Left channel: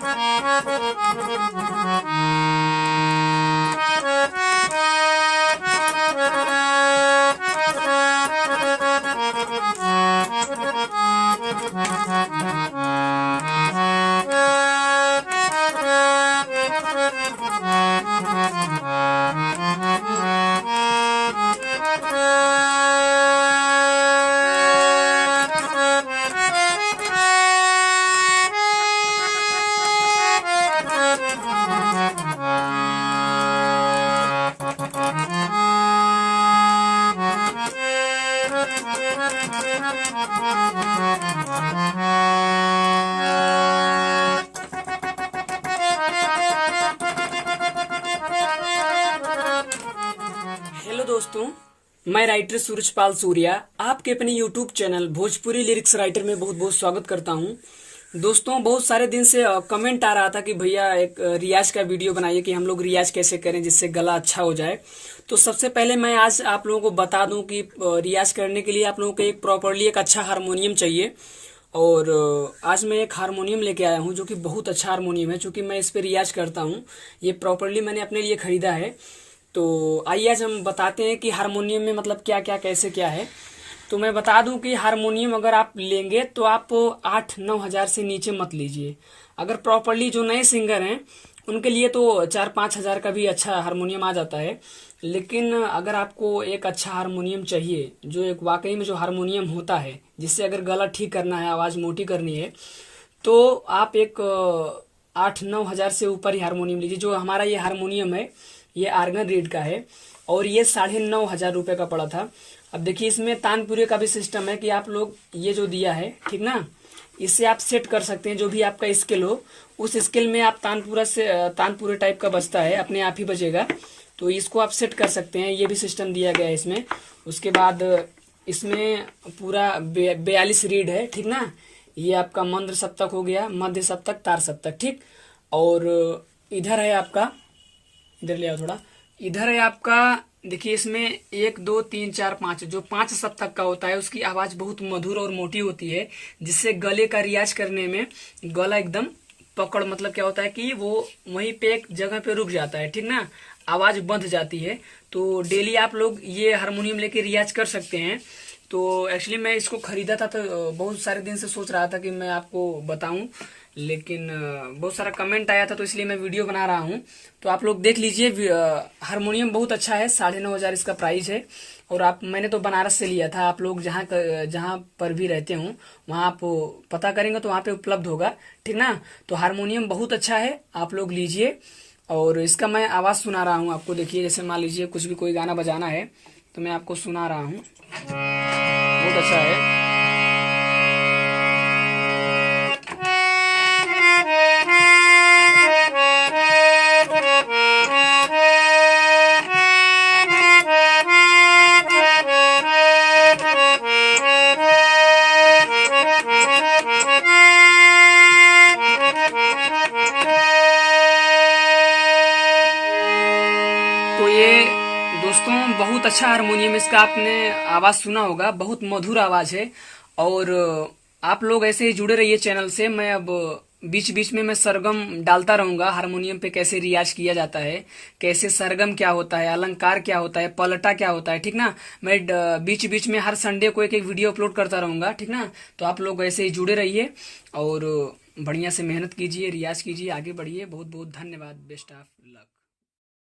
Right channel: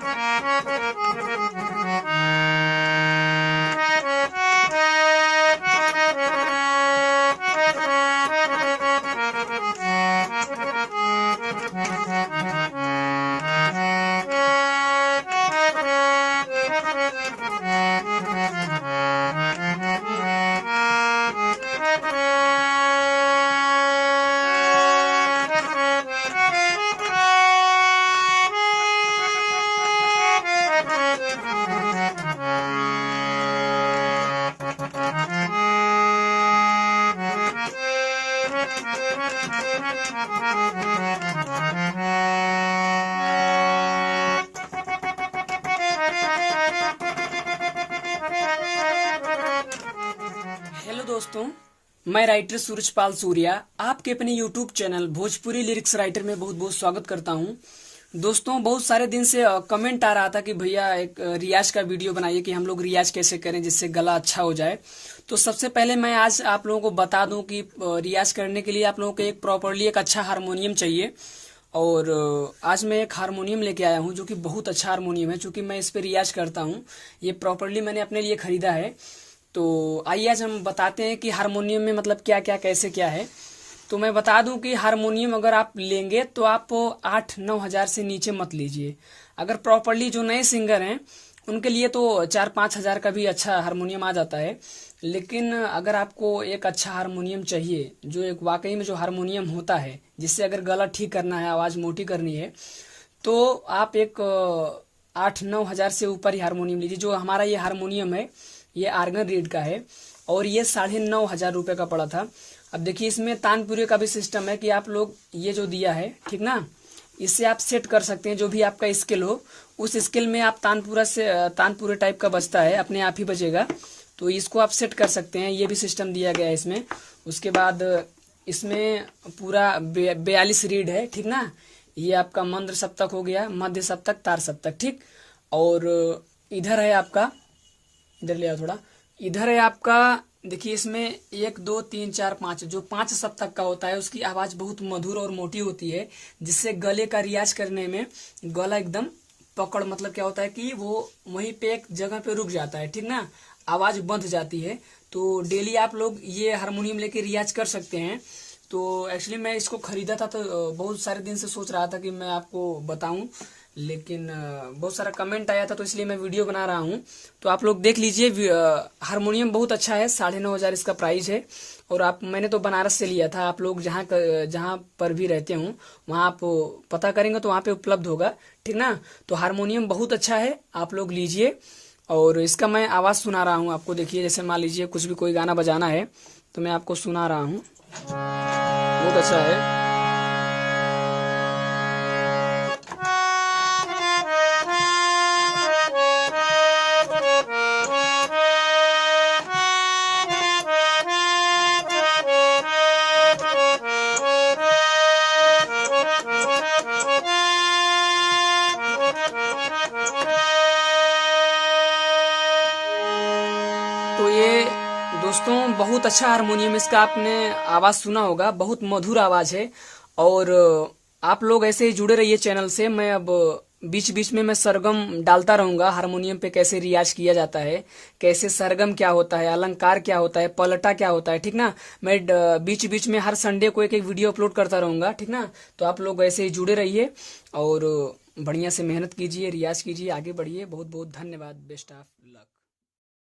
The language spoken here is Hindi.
हेलो दोस्तों, मैं राइटर सूरजपाल सूर्या आपके अपने YouTube channel Bhojpuri lyrics writer में बहुत बहुत स्वागत करता हूं। दोस्तों, बहुत सारे दिन से कमेंट आ रहा था कि भैया एक रियाज का वीडियो बनाइए कि हम लोग रियाज कैसे करें जिससे गला अच्छा हो जाए। तो सबसे पहले मैं आज आप लोगों को बता दूं कि रियाज करने के लिए आप लोगों को एक प्रॉपरली एक अच्छा हारमोनियम चाहिए। और आज मैं एक हारमोनियम लेके आया हूं जो कि बहुत अच्छा हारमोनियम है, चूंकि मैं इस पे रियाज करता हूं। ये प्रॉपरली मैंने अपने लिए खरीदा है। तो आइए आज हम बताते हैं कि हारमोनियम में मतलब क्या क्या कैसे क्या है। तो मैं बता दूं कि हारमोनियम अगर आप लेंगे तो आप 8-9 हजार से नीचे मत लीजिए। अगर प्रॉपरली जो नए सिंगर हैं उनके लिए तो 4-5 हजार का भी अच्छा हारमोनियम आ जाता है। लेकिन अगर आपको एक अच्छा हारमोनियम चाहिए, जो एक वाकई में जो हारमोनियम होता है जिससे अगर गला ठीक करना है, आवाज मोटी करनी है, तो आप एक 8-9 हजार से ऊपर ही हारमोनियम लीजिए। जो हमारा ये हारमोनियम है ये आर्गन रीड का है और ये 9,500 रुपए का पड़ा था। अब देखिए, इसमें तानपुरे का भी सिस्टम है कि आप लोग ये जो दिया है, ठीक ना, इससे आप सेट कर सकते हैं जो भी आपका स्केल हो, उस स्केल में आप तानपुरे टाइप का बजता है, अपने आप ही बजेगा। तो इसको आप सेट कर सकते हैं, ये भी सिस्टम दिया गया है इसमें। उसके बाद इसमें पूरा 42 रीड है, ठीक ना। ये आपका मंद्र सप्तक हो गया, मध्य सप्तक, तार सप्तक, ठीक। और इधर है आपका, इधर ले आओ थोड़ा, इधर है आपका, देखिए इसमें 1 2 3 4 5, जो 5 सप्तक का होता है उसकी आवाज बहुत मधुर और मोटी होती है, जिससे गले का रियाज करने में गला एकदम पकड़, मतलब क्या होता है कि वो वहीं पे एक जगह पे रुक जाता है, ठीक ना, आवाज बंध जाती है। तो डेली आप लोग ये हारमोनियम लेके रियाज कर सकते हैं। तो एक्चुअली मैं इसको खरीदा था तो बहुत सारे दिन से सोच रहा था कि मैं आपको बताऊं, लेकिन बहुत सारा कमेंट आया था तो इसलिए मैं वीडियो बना रहा हूं। तो आप लोग देख लीजिए, हारमोनियम बहुत अच्छा है, 9,500 इसका प्राइस है। और मैंने तो बनारस से लिया था। आप लोग जहां पर भी रहते हो वहां आप पता करेंगे तो वहां पे उपलब्ध होगा, ठीक ना। तो हारमोनियम बहुत अच्छा है, आप लोग लीजिए। और इसका मैं आवाज सुना रहा हूँ आपको। देखिए, जैसे मान लीजिए कुछ भी कोई गाना बजाना है तो मैं आपको सुना रहा हूँ, बहुत अच्छा है। तो ये दोस्तों बहुत अच्छा हारमोनियम, इसका आपने आवाज सुना होगा, बहुत मधुर आवाज है। और आप लोग ऐसे ही जुड़े रहिए चैनल से। मैं अब बीच बीच में मैं सरगम डालता रहूंगा, हारमोनियम पे कैसे रियाज किया जाता है, कैसे सरगम क्या होता है, अलंकार क्या होता है, पलटा क्या होता है, ठीक ना। मैं बीच बीच में हर संडे को एक एक वीडियो अपलोड करता रहूंगा, ठीक ना। तो आप लोग ऐसे ही जुड़े रहिए और बढ़िया से मेहनत कीजिए, रियाज कीजिए, आगे बढ़िए। बहुत बहुत धन्यवाद, बेस्ट ऑफ लक।